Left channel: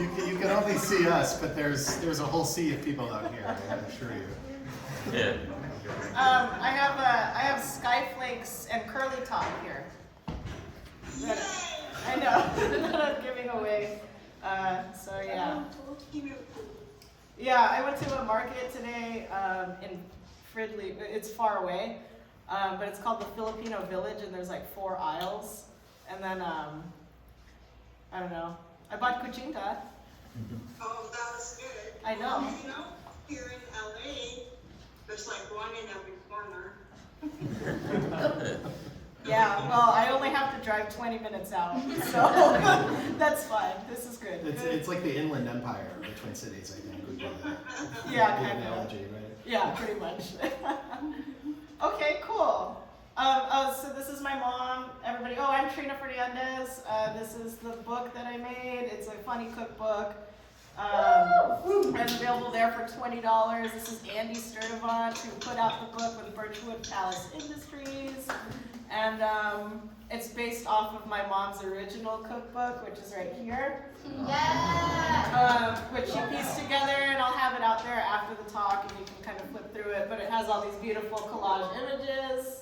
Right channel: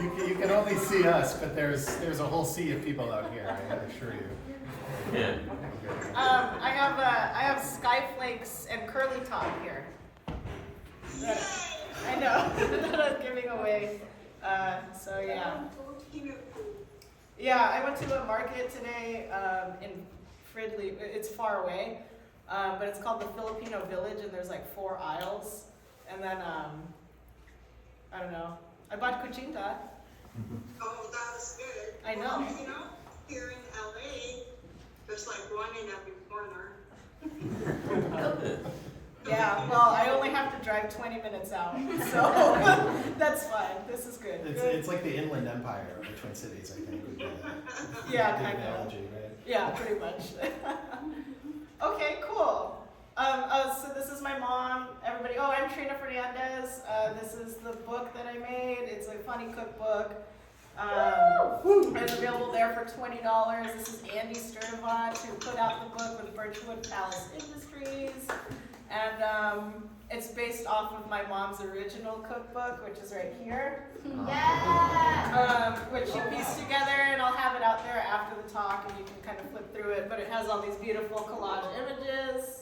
You can only see us, but there's a whole sea of people out here, I assure you. Yeah. I have skyflakes and curly top here. I know that I'm giving away. So yeah. Yeah, I went to a market today in Fridley. It's far away, but it's called the Filipino Village, and there's like 4 aisles. And then I don't know. I bought cuchinta. Oh, that was good. I know. Well, you know, here in LA, there's like one in every corner. Yeah, well, I only have to drive 20 minutes out, so that's fine. This is good. It's like the Inland Empire of the Twin Cities, I think. Would be Yeah, good kind of. analogy, right? Yeah, pretty much. Okay, cool. So this is my mom, everybody. Oh, I'm Trina Fernandez. This is the book that I made. It's a funny cookbook. It's available there for $20. This is Andy Sturdevant, who put out the book with Birchwood Palace Industries. And it's based off of my mom's original cookbook, which is right here. Yeah. Which she pieced together, and I'll have it out there after the talk, and you can kind of flip through it. But it has all these beautiful collage images.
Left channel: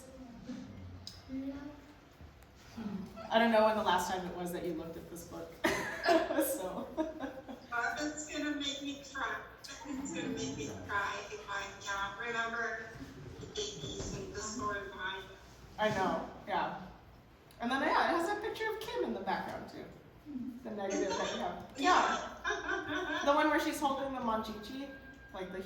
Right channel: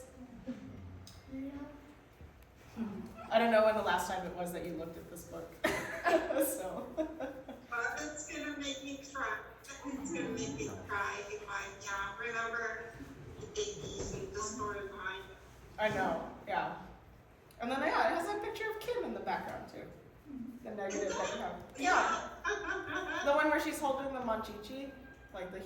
I don't know when the last time it was that you looked at this book. So. It's gonna make me cry. It's gonna make me cry if I remember the 80s and the storyline. I know, yeah. And then yeah, it has a picture of Kim in the background too. The negative that you have. Yeah. The one where she's holding the manchichi, like the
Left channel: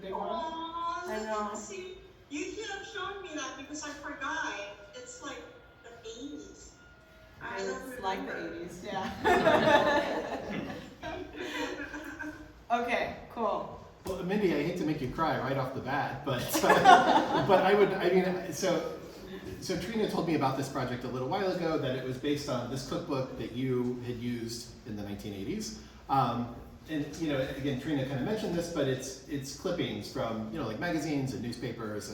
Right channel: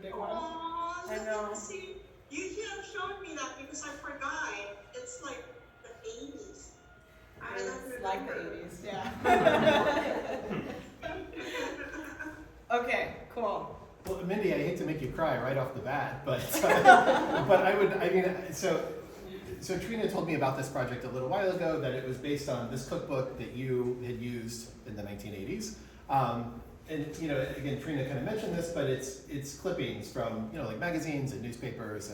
big one. Aww, I know. See, you should have shown me that because I forgot. It's like the 80s. I don't It's remember. like the 80s, yeah. Okay, cool. Well, Mindy, I hate to make you cry right off the bat, but so Trina told me about this project a little while ago, that it was based on this cookbook that you had used in the 1980s. And you know, again, Trina kind of mentioned this, but it's clippings from, you know, like magazines and newspapers,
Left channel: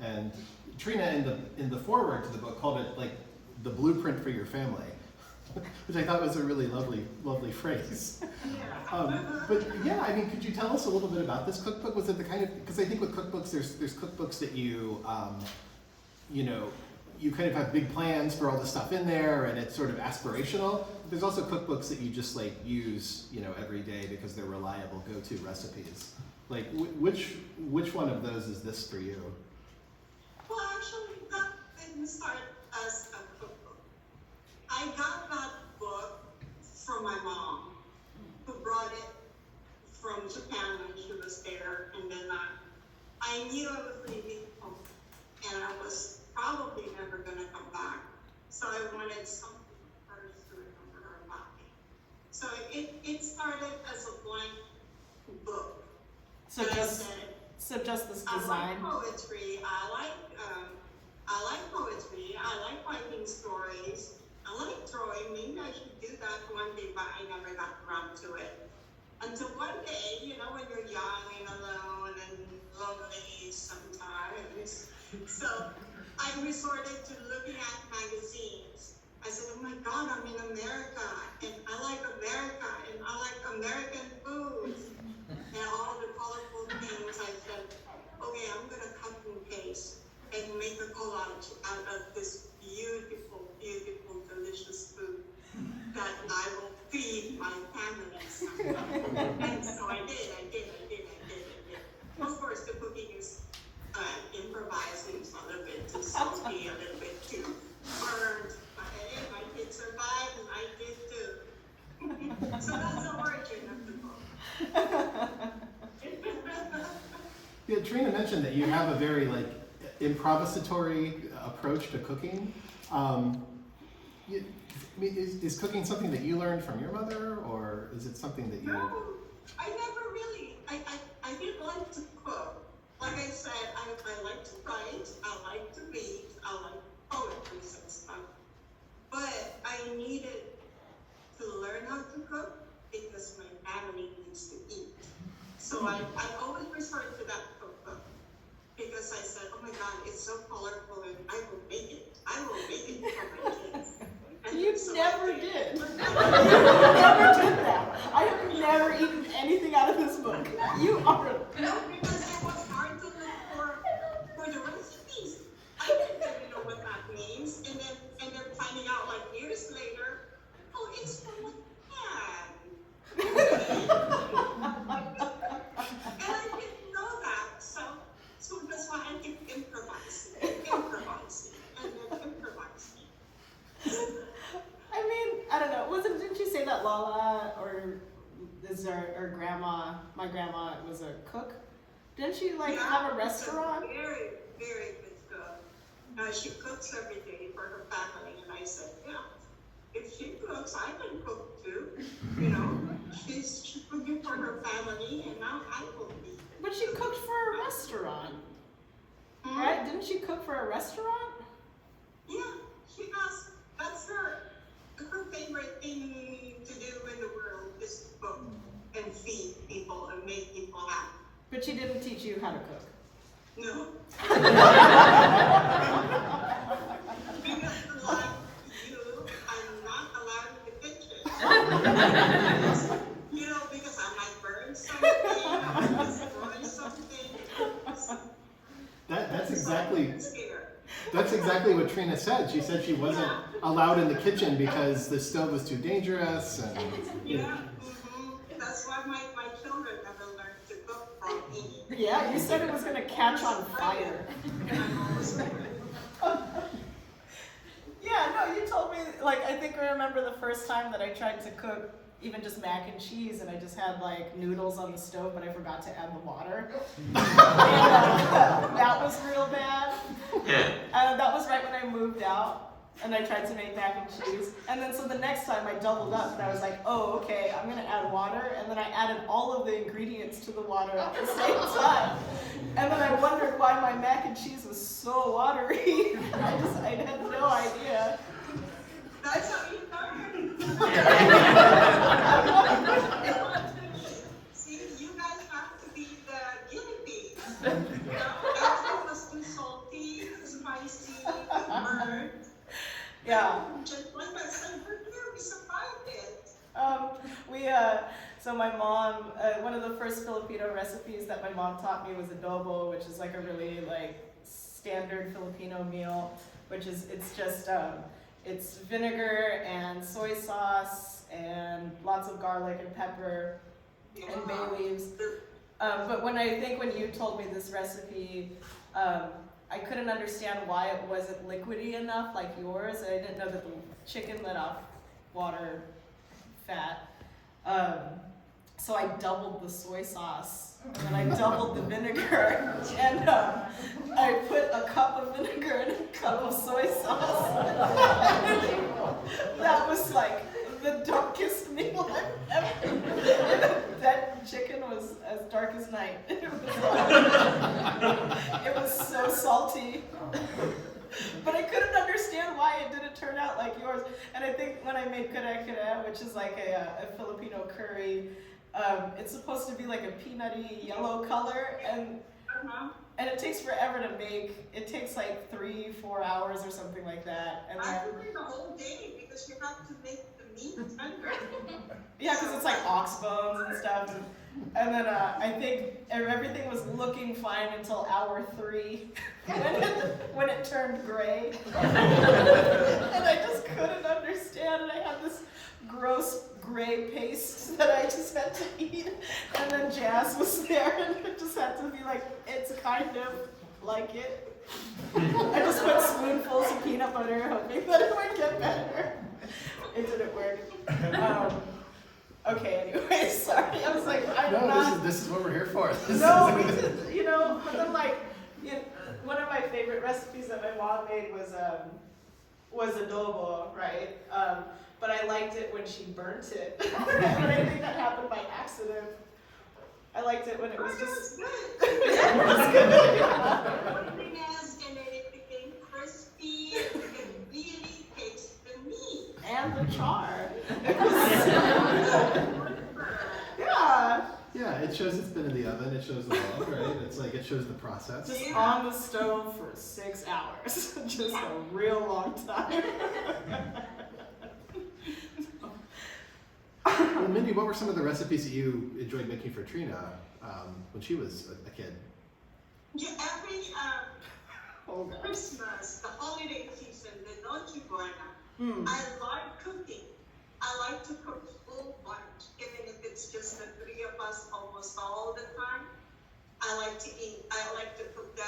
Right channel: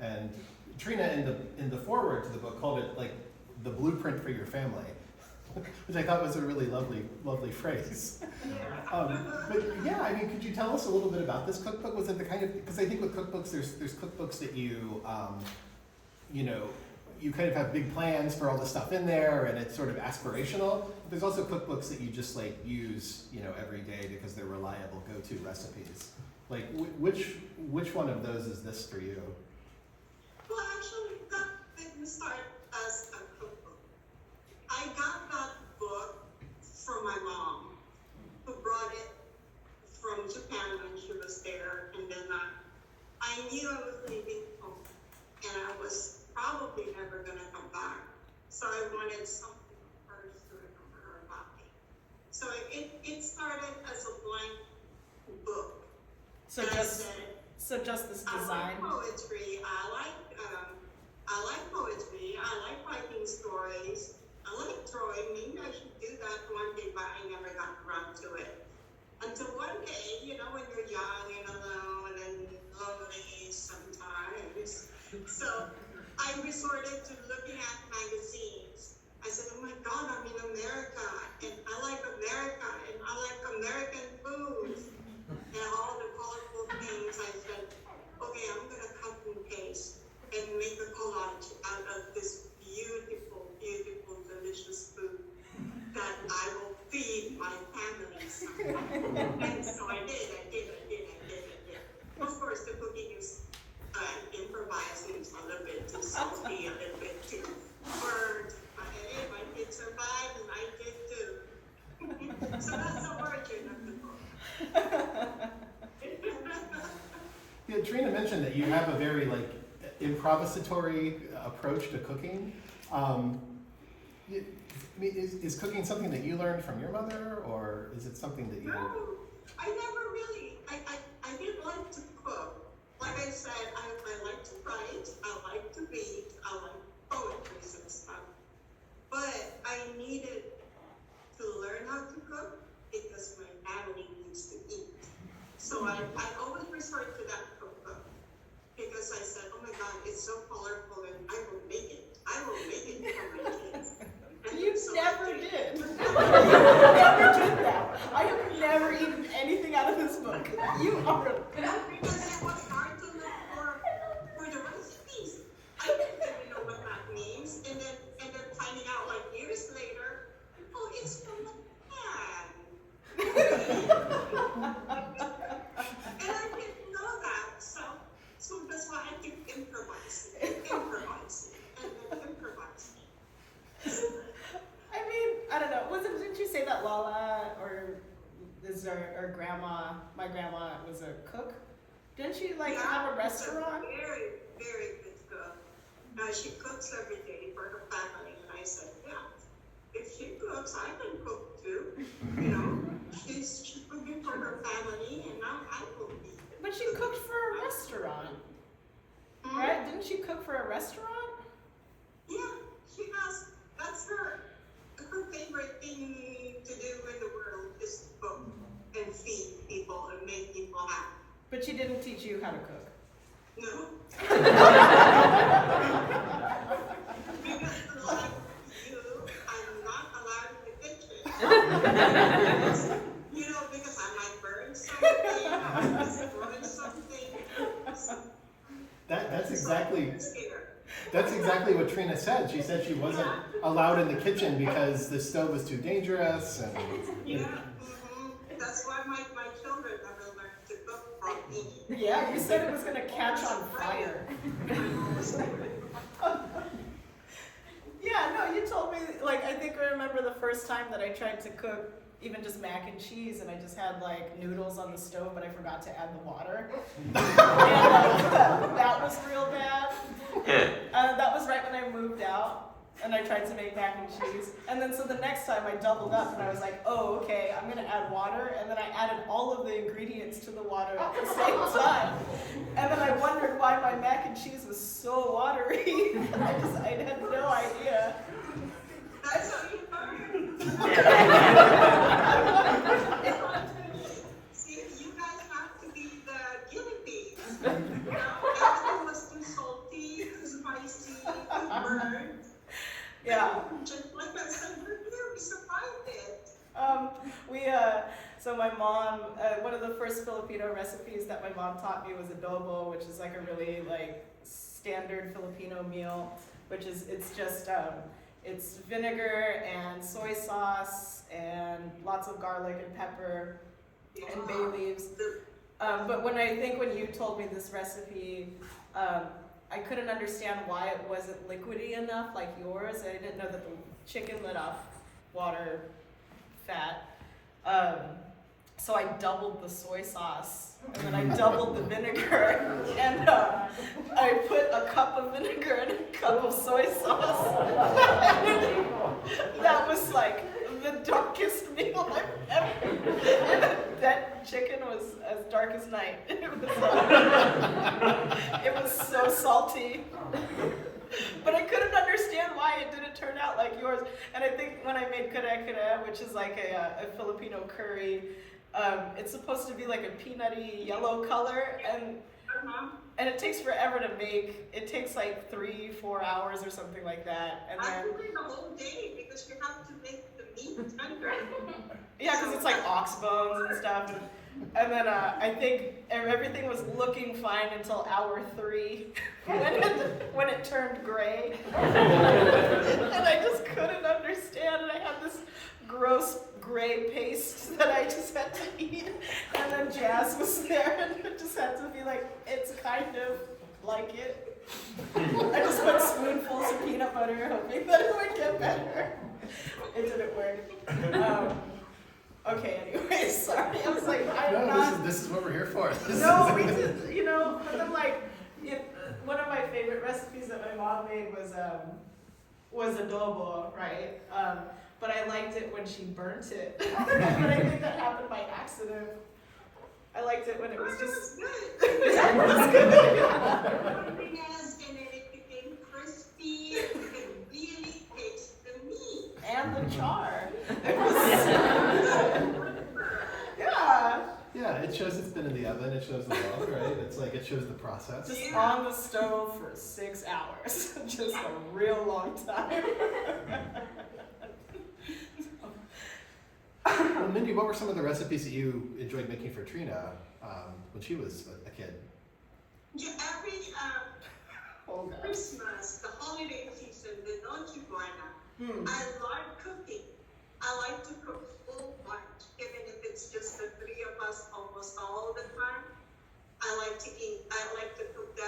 and Trina in the foreword to the book called it like the blueprint for your family, which I thought was a really lovely phrase. But yeah, I mean, could you tell us a little bit about this cookbook? Was it the kind of, because I think with cookbooks, there's cookbooks that you know, you kind of have big plans for all the stuff in there, and it's sort of aspirational. There's also cookbooks that you just like use, you know, every day because they're reliable go-to recipes. Like, which one of those is this for you? Well, actually, that didn't start as a cookbook. I got that book from my mom, who brought it from Japan when she was there, and then I knew I was leaving home, and I was probably never gonna come back. So I wanted something of hers to remember her about me. So it started as a blank book. So And just I said, this I design. like poetry. I like poetry. I like writing stories. I like drawing. Maybe I should do that one day, but I never got around to it. Until one day, you know, when you're young and alone and lonely sometimes. So I resorted to looking at magazines. I said, oh my God, I'm in America, and I like America, and I like American foods, and all the colorful things. I said, okay, I'm gonna cut and paste and make a collage out of this beautiful, beautiful, delicious food that I will feed my family someday. And so I did. Of course, the cooking is improvised, and it's a little bit too salty, a little bit too burnt. But hey, my kids survived, and I did too. So that's the origin of the book. Yeah, Trina mentioned that you have a very like improvisatory approach to cooking. Is cooking something that you learned from your mother, or is it something that you? No, I never really. I didn't like to cook. Like I said, I like to write, I like to read, I like poetry and stuff. But I needed to learn how to cook because my family needs to eat. So I always resort to that cookbook because I said, oh my God, it's so colorful, and I will make it. I will make it for my kids. And You so never I did. You never did that. never eaten anything out of this book. You are. No, because it was hard to look for the recipes. I didn't even know what that means, and then finding out like years later, oh, it's from a pan. And I didn't know that, so that's why I keep improvising, and then improvising. I mean, I don't know. Didn't you say that Lala or grandma? My grandma was a cook. Didn't she have a restaurant? She's a very, very good cook. She cooks every day for her family, and I said, yeah, if she cooks, I can cook too. You know, she's cooking for her family, and now I cook. But she cooked for a restaurant, right? Didn't she cook for a restaurant? Yeah, she does. That's her favorite thing to do in the world is to cook and feed people and make people happy. But she didn't teach you how to cook. No. Because like you, I'm not allowed in the kitchen. You know, because I might burn something, I might destroy something. That's exactly what Trina said. She said she wasn't allowed in the kitchen because the stove was too dangerous. And, That's why my children never learned to cook from me. Yeah, you said it was going to catch on fire. Yeah, no, you told me, I think I remember the first time that I tried to cook even just mac and cheese, and I just had noodles on the stove, but I forgot to add the water. And that was real bad. That was right when I moved out, and I tried to make mac and cheese. And then so the next time I doubled up, and I was like, oh, okay, I'm gonna add water, and then I added all of the ingredients to the water at the same time. And then I wondered why my mac and cheese was so watery. I had no idea. That's how you learn. See, you guys have to be the guinea pigs. You know, everything was too salty, too spicy, too burnt. Yeah. Just like I said, we survived it. So my mom, one of the first Filipino recipes that my mom taught me was adobo, which is a really standard Filipino meal, which is, it's vinegar and soy sauce and lots of garlic and pepper and bay leaves. But when you told me this recipe, I couldn't understand why it wasn't liquidy enough like yours. I didn't know that the chicken let off water fat. So I doubled the soy sauce, and then I doubled the vinegar, and I put a cup of vinegar and a cup of soy sauce. That was the darkest meal I've ever. That chicken was as dark as night. It was so salty. But I couldn't understand why it didn't turn out like yours. And I think when I made kare-kare, which is a Filipino curry, it's supposed to be a peanutty yellow color, and it takes forever to make. It takes 3-4 hours or something like that. And then actually the whole day, because you have to make the meat tender. yeah, because it's ox bones and stuff. And then I think everything was looking fine until hour 3 when it turned gray. And I just couldn't understand. And I had this gross gray paste that I just had to eat. And then Jazz was there, and it just had to be it's kind of like it. I just put spoonfuls of peanut butter, hoping that it would get better. It didn't work. Okay, anyway, sorry. I was I'm not. This is what we're here for. No, we just, but then one of my favorite recipes that my mom made was adobo, right? But I liked it when she burnt it. But I think that happened by accident. I liked it when it was just. Yeah, it was good. One thing is, and then it became crispy, and you can really taste the meat. And the char. Yeah. Yeah. It shows it's been in the oven. It shows the love, right? It shows the process. Just on the stove for 6 hours. Just a real long time. Well, Mindy, Wendy, what were some of the recipes that you enjoyed making for Trina when she was a kid? Yeah, every Christmas, the holiday season, the Noche Buena, I like cooking. I like to cook full bunch, even if it's just the three of us almost all the time. I like to cook the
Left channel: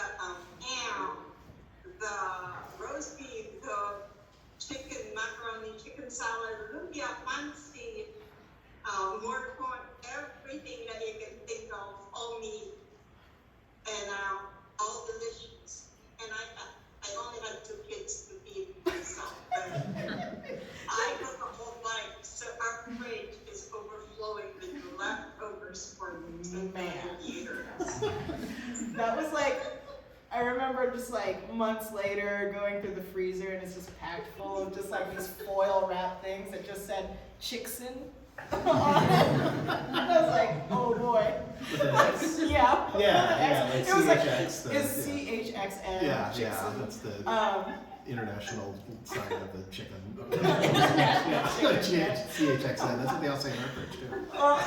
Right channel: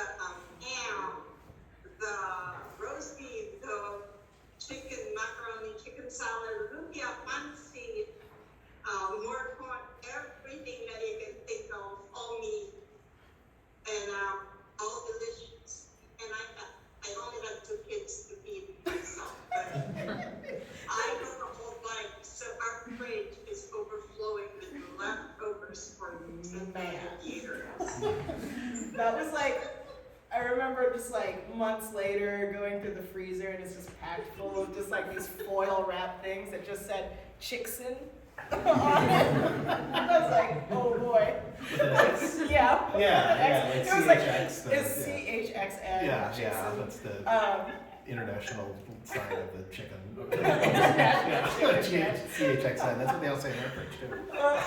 ham, the roast beef, the chicken, macaroni, chicken salad, lumpia, pancit, more corn, everything that you can think of, all meat, and all delicious. And I only have 2 kids to feed myself, but I cook a whole bunch, so our fridge is overflowing with leftovers for 10 years. That was like, I remember just like months later going through the freezer and it's just packed full of just like these foil wrap things that just said Chickson on it. I was like, oh boy. Yeah. Yeah, like it was like, CHX. it's CHXN. Yeah, Chickson. that's the international sign of the chicken. CHXN, that's what they all say in our fridge too. Well,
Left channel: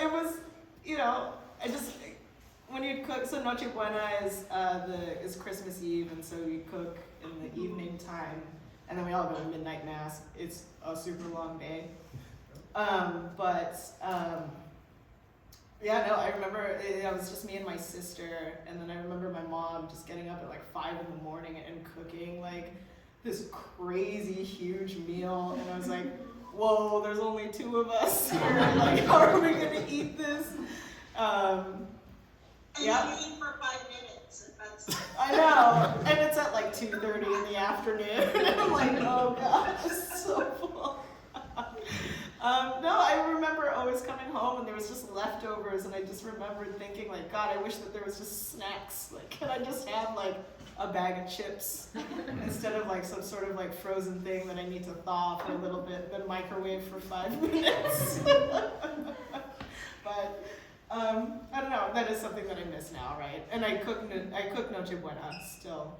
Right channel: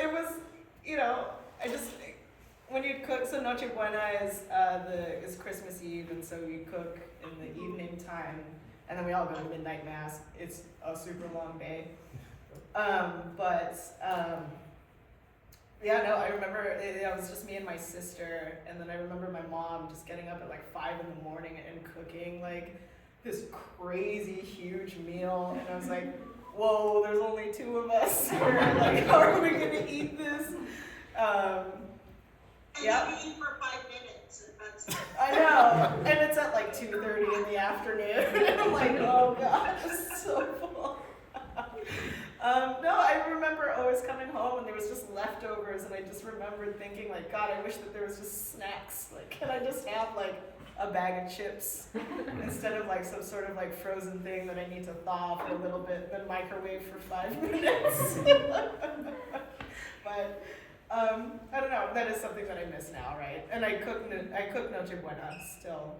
it was, you know, I just, when you cook, so Noche Buena is Christmas Eve, and so we cook in the evening time, and then we all go to midnight mass. It's a super long day. Yeah, no, I remember it was just me and my sister, and then I remember my mom just getting up at like 5 in the morning and cooking like this crazy huge meal, and I was like, whoa, there's only 2 of us here, like how are we gonna eat this? And Yeah. you eat for 5 minutes, and that's it. I know, and it's at like 2:30 in the afternoon. I'm like, oh god, it's so full. No, I remember always coming home and there was just leftovers, and I just remembered thinking like, God, I wish that there was just snacks. Like, can I just have like a bag of chips instead of like some sort of like frozen thing that I need to thaw for a little bit, then microwave for 5 minutes. But I don't know. That is something that I miss now, right? And I cook Noche Buena still,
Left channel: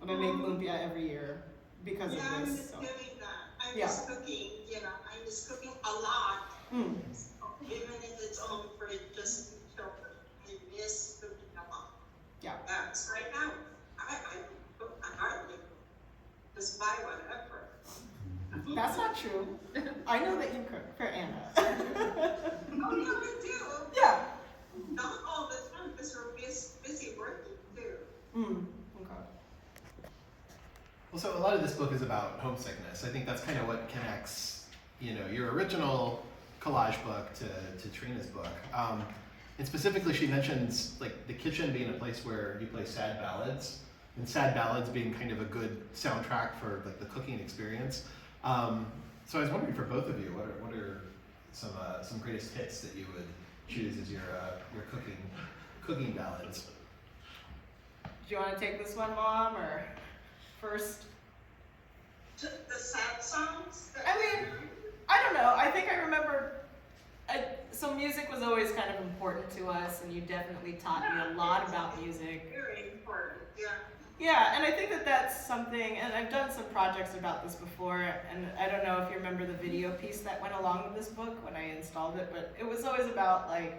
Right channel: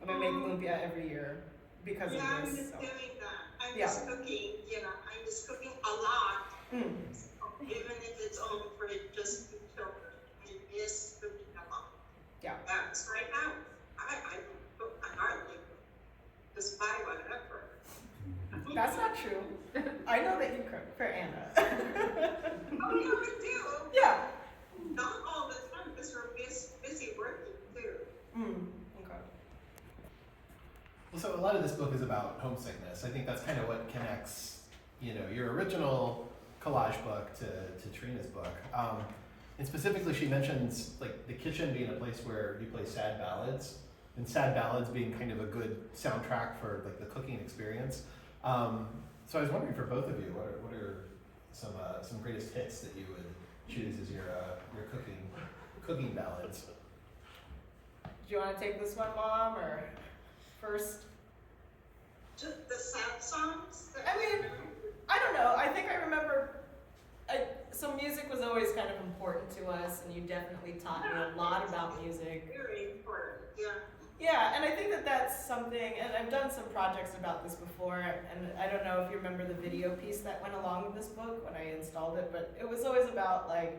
and I make lumpia every year because Yeah, of I'm this. just So. doing that. I'm Yeah. just cooking, I'm just cooking a lot. Even if it's only for just the children. I miss cooking a lot. Yeah. So right now, I don't cook, I hardly cook. Just buy whatever. That's not true. I know that you cook for Anna. Oh, yeah, we do. Yeah. Not all the time, because we're busy working too. Okay. Well, so a lot of this book is about homesickness. I think that's kind of what connects, your original collage book to Trina's book. And specifically, she mentions like the kitchen being a place where you play sad ballads, and sad ballads being kind of a good soundtrack for like the cooking experience. So I was wondering for both of you, what are some greatest hits that you would choose as your cooking ballads? Do you want to take this one, Mom, or first? Just the sad songs? I mean, I don't know. I think I remember. So music was always kind of important to us, and you definitely taught me a lot about music. Very important, yeah. Yeah, and I think that that's something, and I've done some projects about this before, and I don't know if you remember the video piece that went along with this book when I installed it, but it was always about like,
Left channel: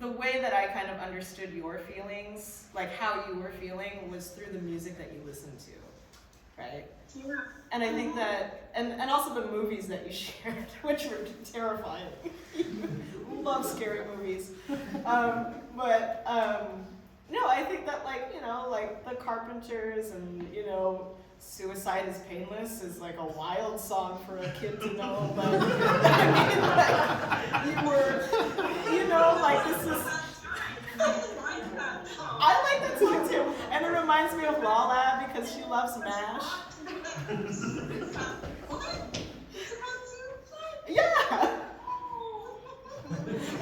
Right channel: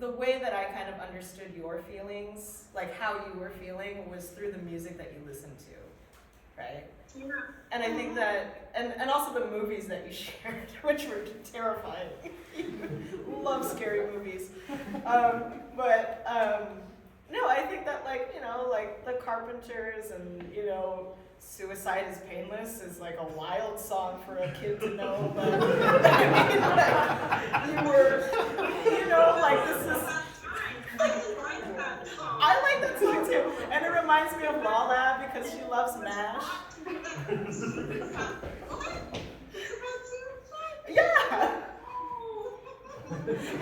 the way that I kind of understood your feelings, like how you were feeling, was through the music that you listened to, right? Yeah. And I think that, and also the movies that you shared, which were terrifying. You love scary movies. No, I think that like the Carpenters and, Suicide is Painless is like a wild song for a kid to know, but I mean, like, this is, I like that song too, and it reminds me of Lala because she loves MASH. Yeah.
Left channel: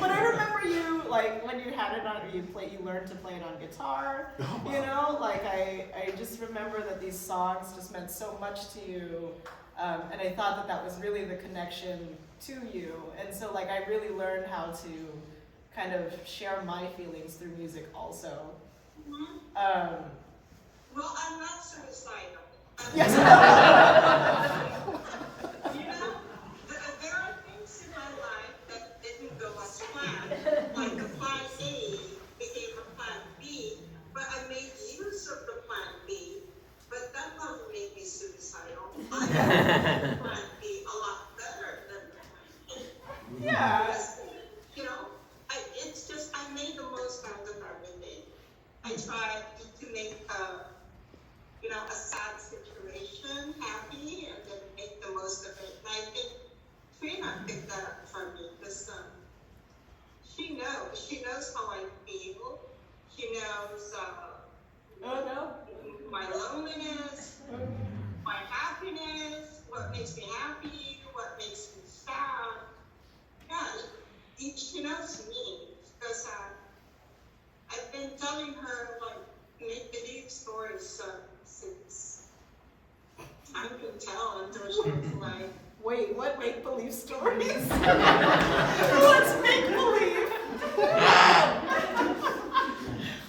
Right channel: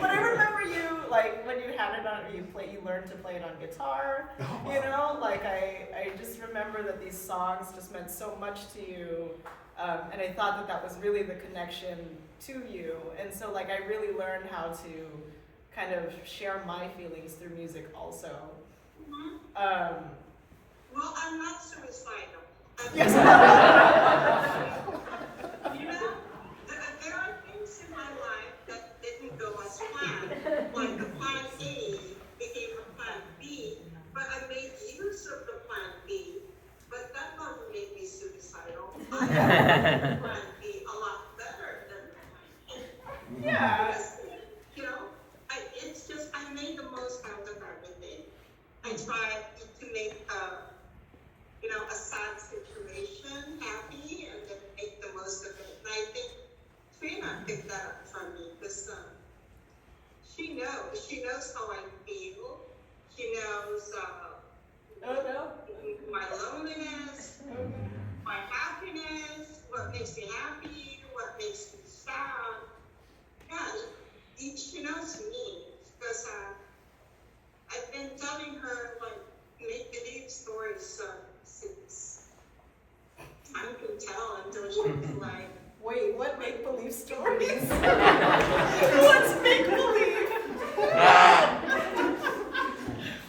But I remember you, like, when you had it on, you learned to play it on guitar, Oh, wow. like I just remember that these songs just meant so much to you, and I thought that was really the connection to you, and so like I really learned how to kind of share my feelings through music also. Well, I'm not suicidal. Yes. There be a lot better than mine. Yeah. You know, it's just, I made the most out of everything. I tried to make a sad situation happy and then make the most of it. And I think Trina picked that up from me because she knows how I feel. She knows my loneliness, my happiness, what makes me happy, what makes me sad. Yeah, she knows me because I've been telling her like make-believe stories since time can tell until she was like, wait, what make-believe stories? What's make-believe?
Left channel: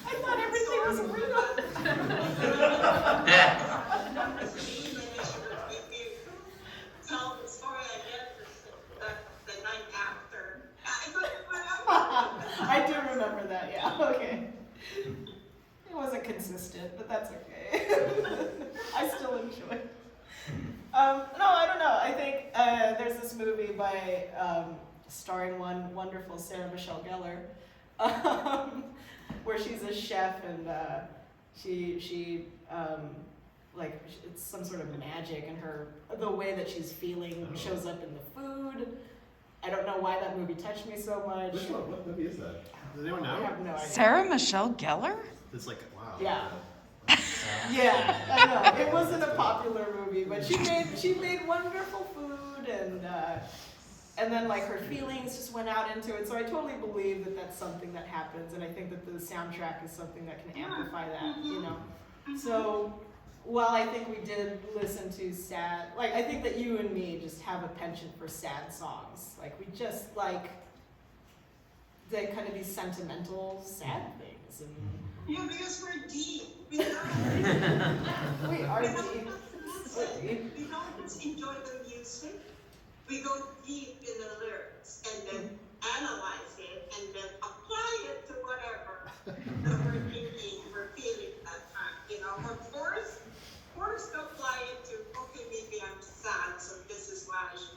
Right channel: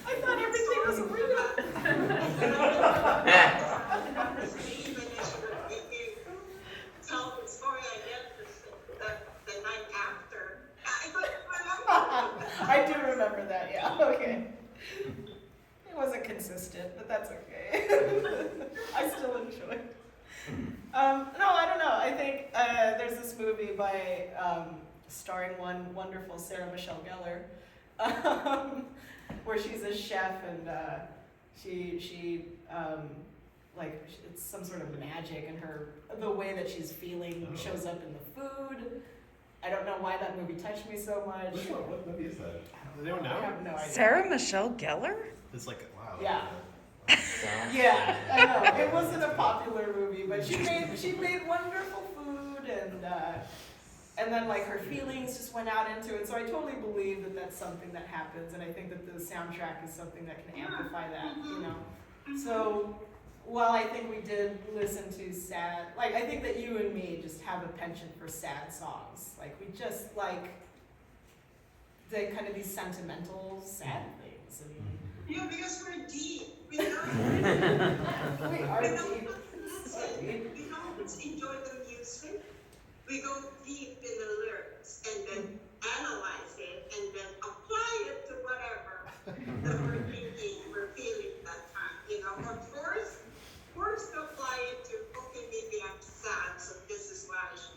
I thought everything was real. Tell the story I get the night after. I thought, I do remember that, yeah, okay. It wasn't consistent, but that's okay. I still enjoy it. No, I don't know. I think there's this movie by starring one wonderful Sarah Michelle Gellar, where she's a chef and she it's some sort of magic, and the way that she's feeling shows up in the food. I don't know why that movie touched me so much. Which one? What movie is that? Does anyone know? I have no idea. Sarah Michelle Gellar? It's like, wow. Yeah. Yeah, I know. It wasn't a popular movie, but she made wonderful food, and then like her feelings just went out into it. So I totally believe that that's something that happens, and I think that the soundtrack is something that can amplify that, you know. So while I think we did listen to sad, like I think that you and me just have a penchant for sad songs. Like we just like the kind of these sentimental sad things, and yeah, because we're deep. We are deep. We don't just enjoy the music. We go deep in the lyrics and then analyze it and then apply it to whatever that we're thinking, we're feeling that time. You know, or force to apply it to, okay, maybe I'm sad, so this is what I should do.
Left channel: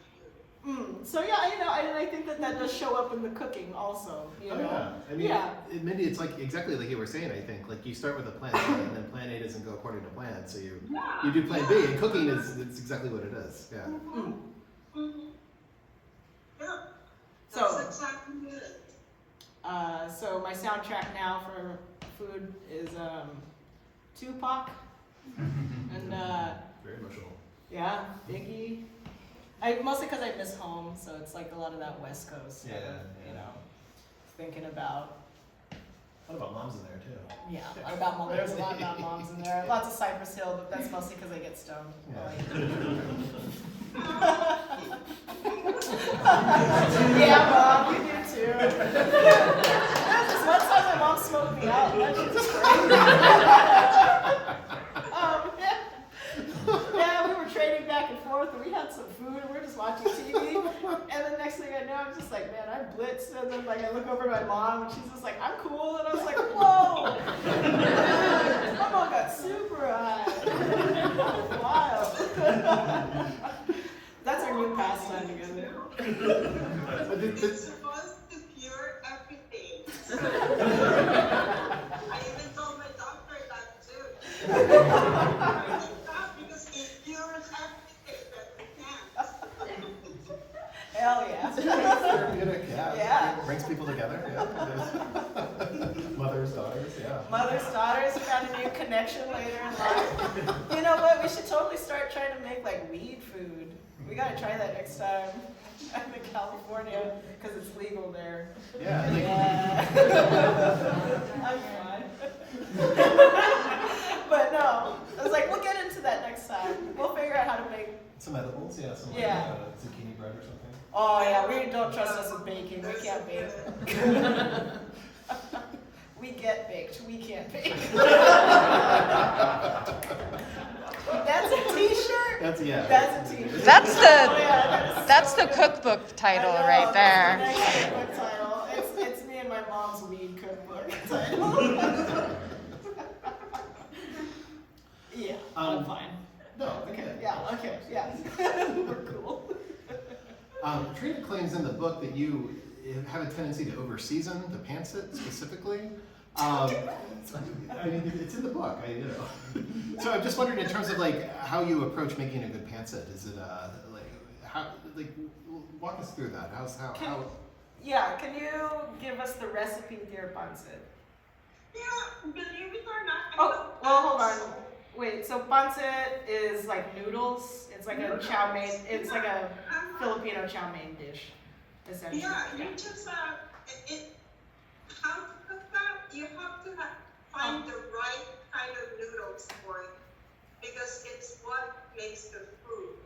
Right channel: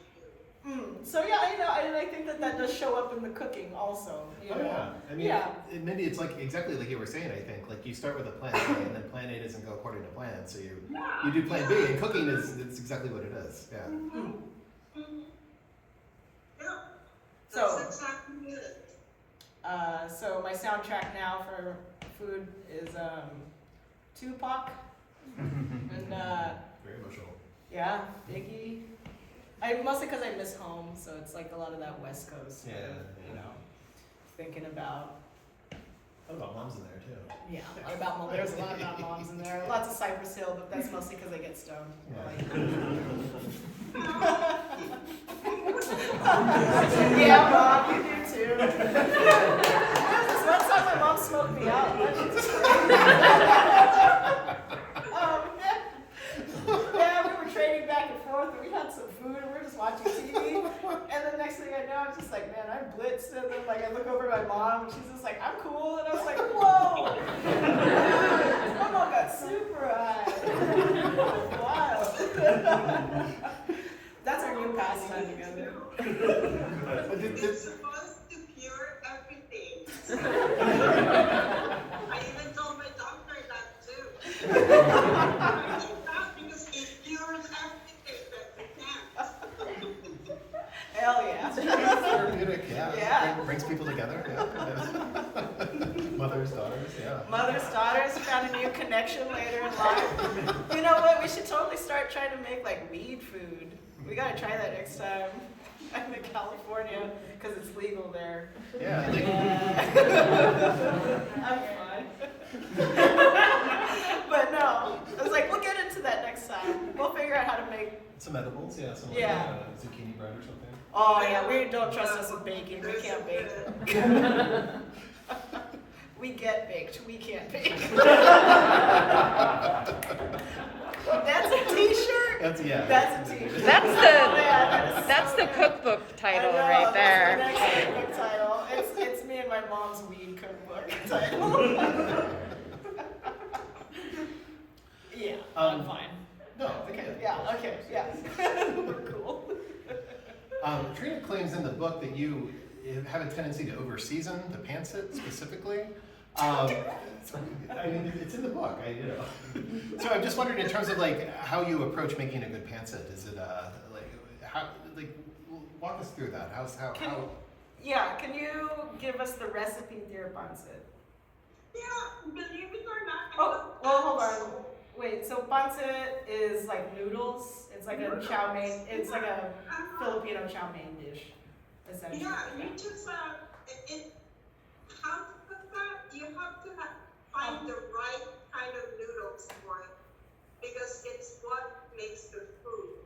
So yeah, you know, I think that does show up in the cooking also. You know? Yeah. I mean, Mindy, it's like exactly like you were saying. I think like you start with a plan A, and then plan A doesn't go according to plan, so you do plan B. And cooking it's exactly what it is. Yeah. Yeah. So That's exactly it. So my soundtrack now for food is Tupac and Very emotional. yeah, Biggie. Mostly because I miss home, so it's like a lot of that West Coast stuff, you know, thinking about. What about Mom's in there too? Yeah, there's a lot about moms in there. Lots of Cypress Hill, but that's mostly because I get stoned. Yeah, Mom, you do too. One time my mom smoked me out. She's crazy. Yeah, we were trading back and forth, and we had some food, and we were just watching TV. And the next thing I know, I'm just like, man, I'm blitzed. And then like I look over at my mom, and she's just like, I'm cool. And I was like, whoa. My mom got super high. Wild. That's our new pastime together. It's supposed to cure everything. I even told my doctor that too. Because it cures everything that we can. Hell yeah. Therapeutic, Yeah. Brings people together. Yeah. Mothers, daughters, yeah. Mothers, daughters, found a new connection later in life. You know what? We should totally start trying to make like weed food. We gotta try that next time. I'm in California because it's legal there. Yeah. I'm fine. But no, I was like, we'll get into that next time. We'll figure out how to make. Some edibles, yeah. Some Yeah. zucchini bread or something. Oh yeah, we don't trust us with baking. We can't bake. We get baked. We can't bake. That's a T-shirt. That's That's a T-shirt. That's the cookbook title I know, right there. That's the next cookbook title. It's me and my mom's weed cookbook title. Yeah, I'm fine. No, Okay, yeah, okay, yes. Cool. Trina claims in the book that you have a tendency to over-season the pancit specifically. I mean, it's in the book, So I'm just wondering in terms of like how you approach making a good pancit. Is it walk us through that. Yeah, can you give us the recipe, dear pancit? Yeah, believe it or not. Oh, well, hold on. Wait, so pancit is like noodles? It's like a chow mein, it's like a Filipino chow mein dish, essentially. Yeah, you just how to cook that, you have to find the right kind of noodles for it because it's what makes the food.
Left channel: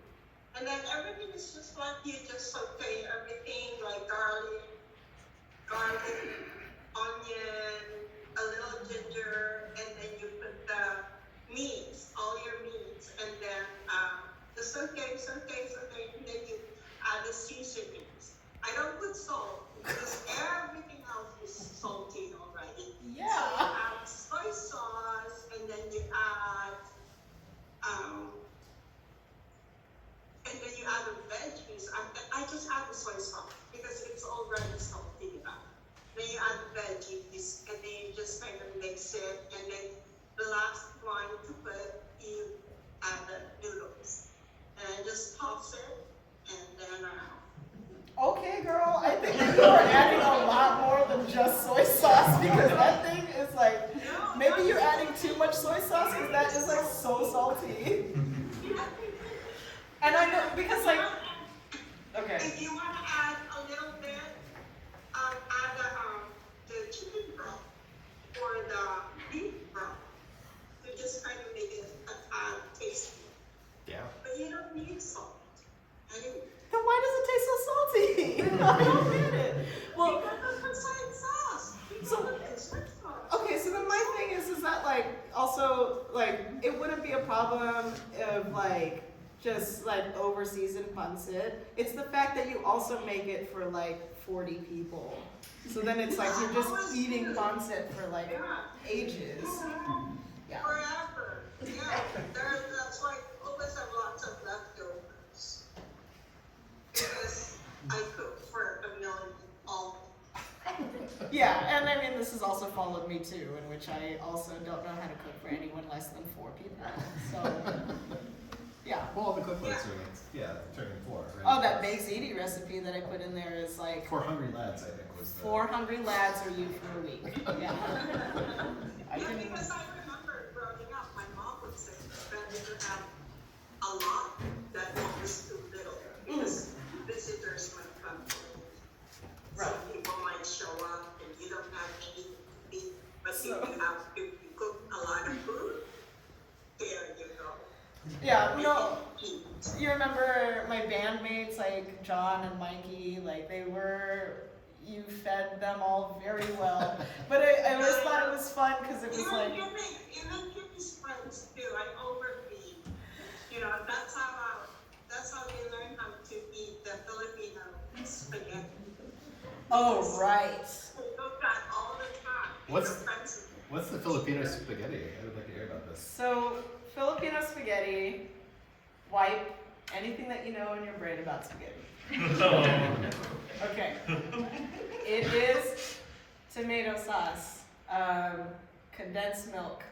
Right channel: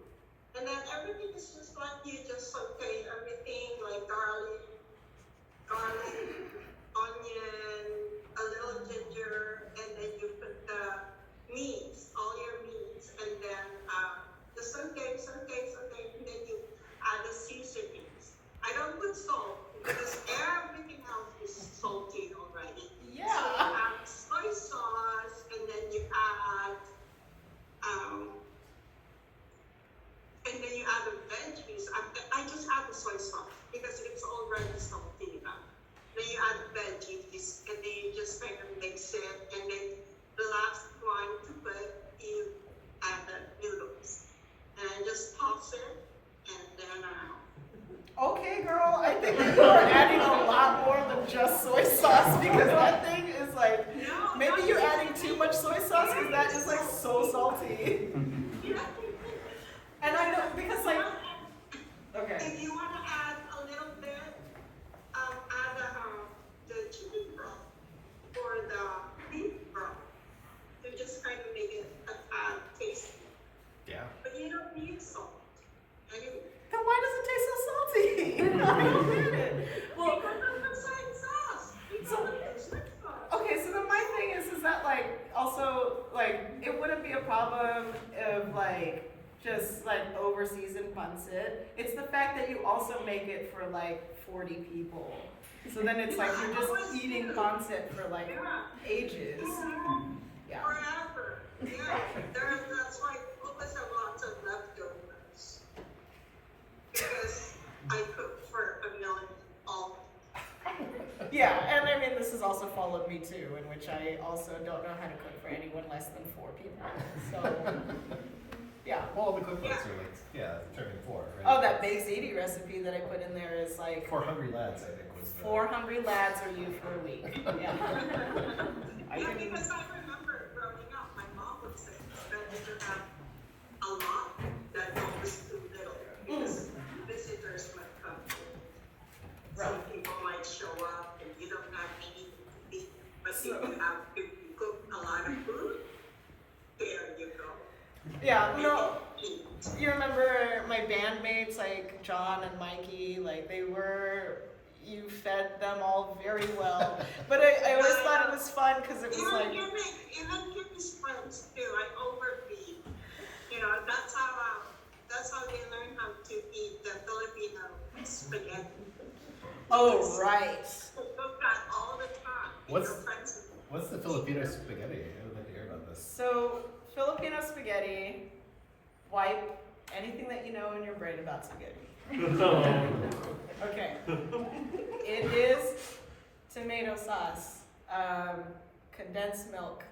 And then everything is just like you just saute everything like garlic, onion, a little ginger, and then you put the meats, all your meats, and then the saute, and then you add the seasonings. I don't put salt because everything else is salty already. Yeah. So you add soy sauce, and then you add the veggies. I just add the soy sauce because it's already salty enough. Then you add the veggies, and then you just kind of mix it, and then the last one to put, you add the noodles, and just toss it, and then Okay, girl, I think that you are adding a lot more than just soy sauce because that thing is like, maybe you're adding too much soy sauce because that is like so salty. And I know, because like, okay. if you want to add a little bit, add the chicken broth or the beef broth to just kind of make it a tad tasty. Yeah. But you don't need salt. Then why does it taste so salty? I don't get it. Well, because of the soy sauce. okay, so then my thing is that like, also, like, it wouldn't be a problem of like, just like over seasoned pancit. It's the fact that you also make it for like 40 people. So then it's like you're just eating pancit for like ages. Yeah. Forever. Yeah. That's why I always have lots of leftovers. Because I cook for a million all. Yeah, and I mean, this has also followed me too, in which I also don't know how to cook for anyone less than 4 people. So, yeah. Well, the cookbooks are like, turning 4, right? Oh, that baked ziti recipe that I put in there is like 4 hungry lads, I think was the... 4 hungry lads or you for a week. Yeah. Because I remember growing up, my mom would say that you should have a lot that was too little because visitors might come in. Some people might show up and you don't have anything to eat, but if you cook a lot of food, there you go. Yeah, no, you remember my bandmates like John and Mikey, like you fed them all very well. But I always thought it was fun because it was like... Even Kimmy's friends too, I overfeed. That's how they learn how to eat the Filipino spaghetti. Oh, right. They cook that all the time. What's the Filipino spaghetti? I would like to hear about this. So, Filipino spaghetti, wipe anything that you know in your brain about spaghetti. Okay. It is tomato sauce, condensed milk,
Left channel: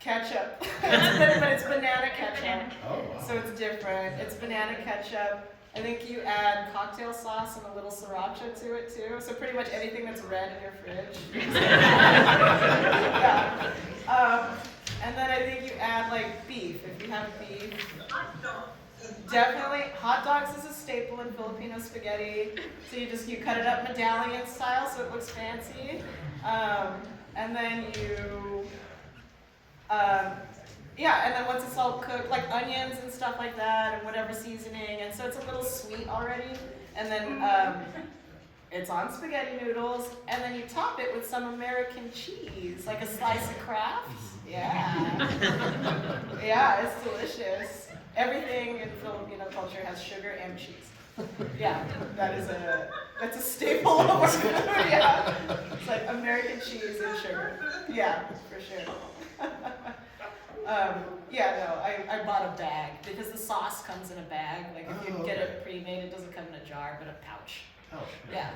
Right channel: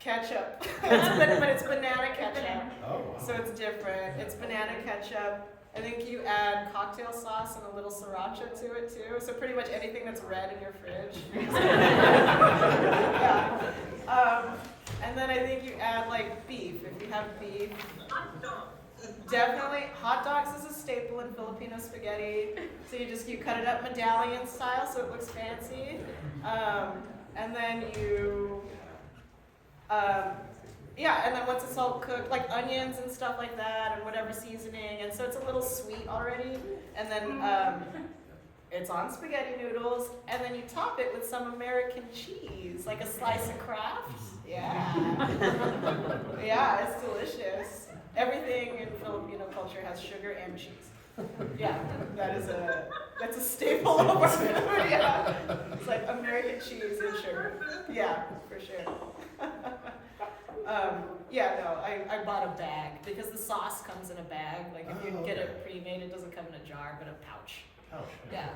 ketchup, but it's banana ketchup, Oh, wow. so it's different. It's banana ketchup. I think you add cocktail sauce and a little sriracha to it too. So pretty much anything that's red in your fridge. Yeah. And then I think you add like beef, if you have beef. Definitely, hot dogs is a staple in Filipino spaghetti. So you cut it up medallion style so it looks fancy. And then and then once it's all cooked, like onions and stuff like that, and whatever seasoning, and so it's a little sweet already. And then it's on spaghetti noodles, and then you top it with some American cheese, like a slice of Kraft. Yeah. Yeah, it's delicious. Everything in Filipino culture has sugar and cheese. Yeah, that's a staple of our food. Yeah, it's like American cheese and sugar. Yeah, for sure. Yeah, no, I bought a bag because the sauce comes in a bag. Like if you get it pre-made, it doesn't come in a jar, but a pouch. Oh, Yeah.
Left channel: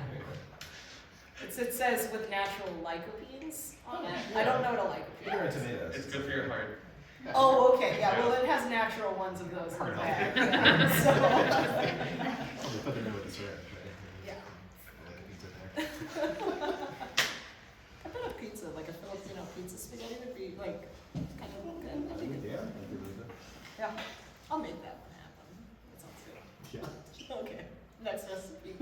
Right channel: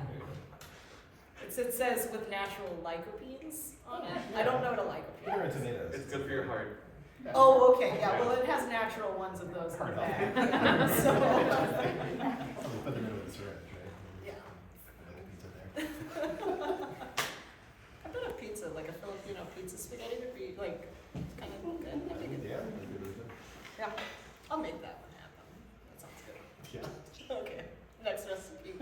It says with natural lycopenes on it. Yeah. I don't know what a lycopene Put it in is. tomatoes. It's good for your heart. Yeah. Oh, okay, yeah, well, it has natural ones of those in the bag. So, Probably put them in with the syrup, right? yeah. Like a pizza there. I bet a pizza, like a Filipino pizza spaghetti would be like kind of good. I think it- Yeah, I agree with it. Yeah, I'll make that one happen. That sounds good. Yeah. Okay, next recipe.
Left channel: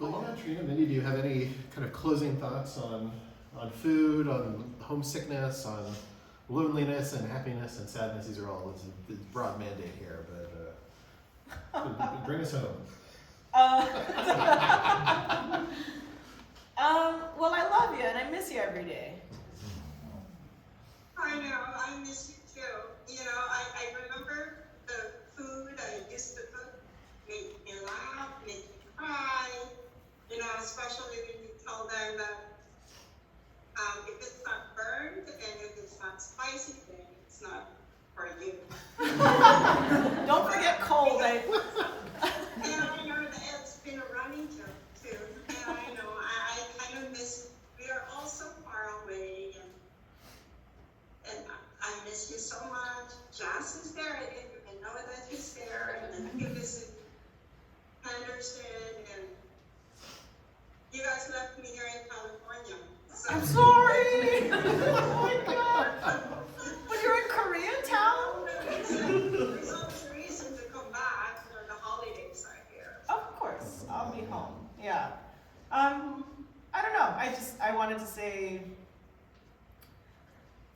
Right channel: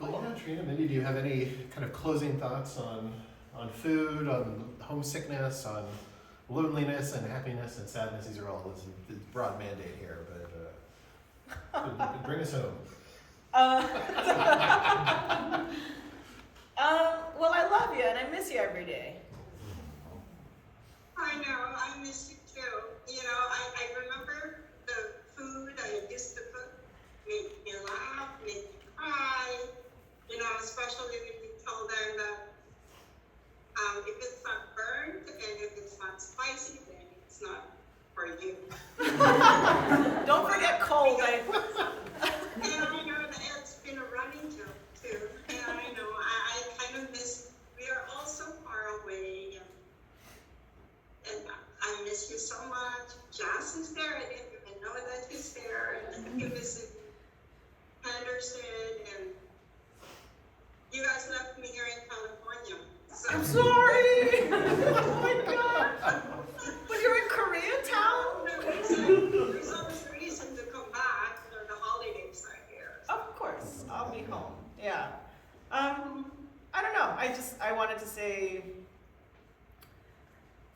Well, yeah, Trina, maybe do you have any kind of closing thoughts on food, on homesickness, on loneliness and happiness and sadness? These are all, it's a broad mandate here, but bring us home. Well, I love you and I miss you every day. I know, I miss you too. You know, I remember the food I used to cook made me laugh, made me cry. You know, especially when you tell them that if it's not burnt and if it's not spicy, then it's not for you. Don't forget cold. And I know that it's been a running joke too. And I know I kind of miss, we are all so far away. And I miss you so much. Jazz is there. I didn't even know that he's there. And then he was in Henderson. And you guys left me here in California. So. I'm sorry. Oh my God. But you're in Koreatown? There's always a reason to come back when the holidays are here. Of course, I'll be home. Yeah. I don't know. I wanted to say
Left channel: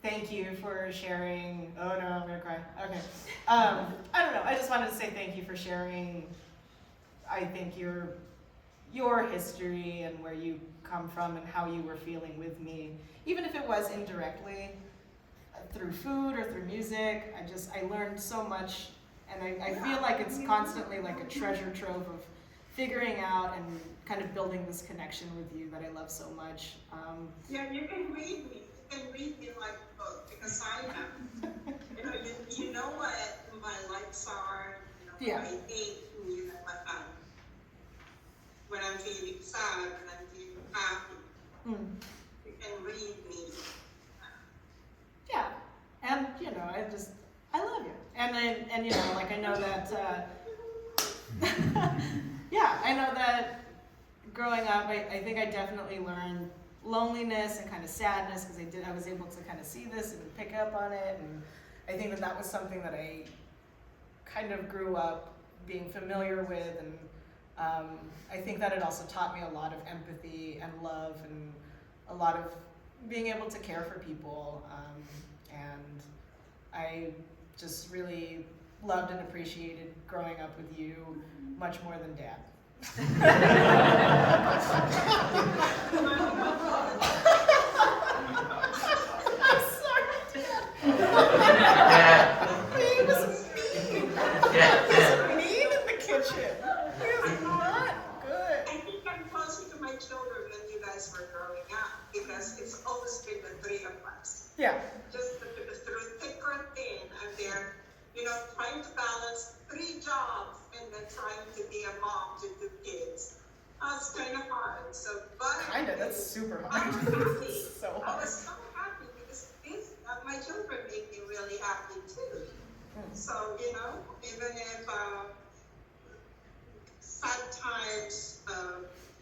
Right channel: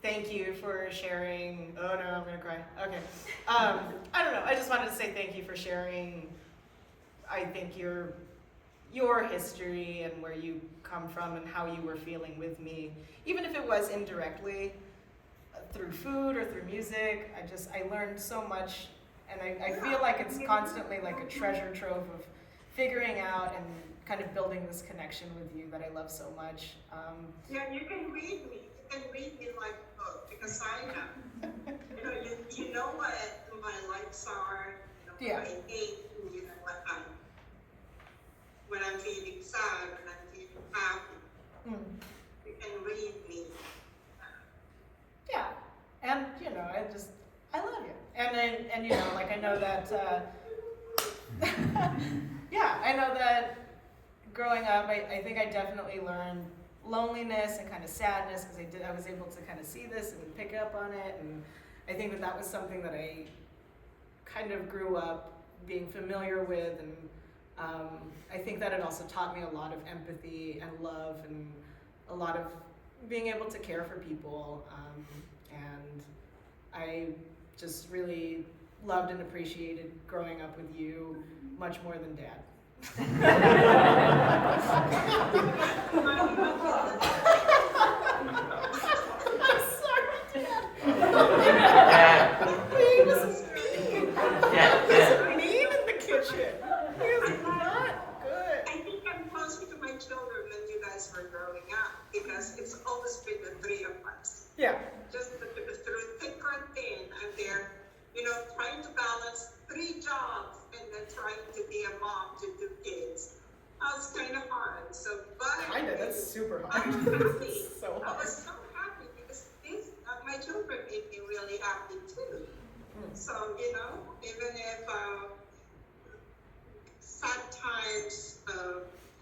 thank you for sharing. Oh no, I'm gonna cry. Okay. I don't know. I just wanted to say thank you for sharing. I think your history and where you come from and how you were feeling with me, even if it was indirectly through food or through music. I learned so much, and I feel like it's constantly like a treasure trove of figuring out and kind of building this connection with you that I love so much. Yeah, you can read me. You can read me like a book because I know. You know what my likes are. You know Yeah. what I hate. You know what when I'm feeling sad, when I'm feeling happy. You can read me. Yeah, and I love you, and like I know that. Yeah, I know that. Growing up, I think I definitely learned loneliness and kind of sadness because I was able to kind of see this and pick up on it, and I think that was something that I kind of grew up being familiar with, and I think that it also taught me a lot of empathy and love and a lot of being able to care for people, and I just really loved and appreciated growing up with you much more than Dad. I'm sorry, Dad. He was mean. He was mean in the kitchen. He was not good. I think I'm closer to my children when you guys were growing up because it's always been the three of us. Yeah. Just through thick or thin, I'm there, trying to balance 3 jobs and then trying to be a mom to 2 kids. It's kind of hard. That's super hard. I'm happy. So I hard. was so happy because my children made me really happy too. So, even if sad times,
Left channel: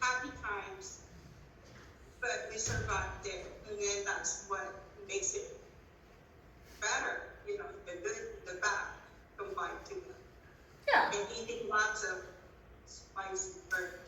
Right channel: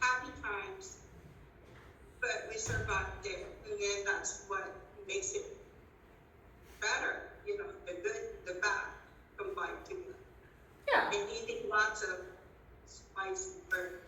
happy times, but we survived it. And then that's what makes it better. The good, the bad combined together. Yeah. And eating lots of spicy burger.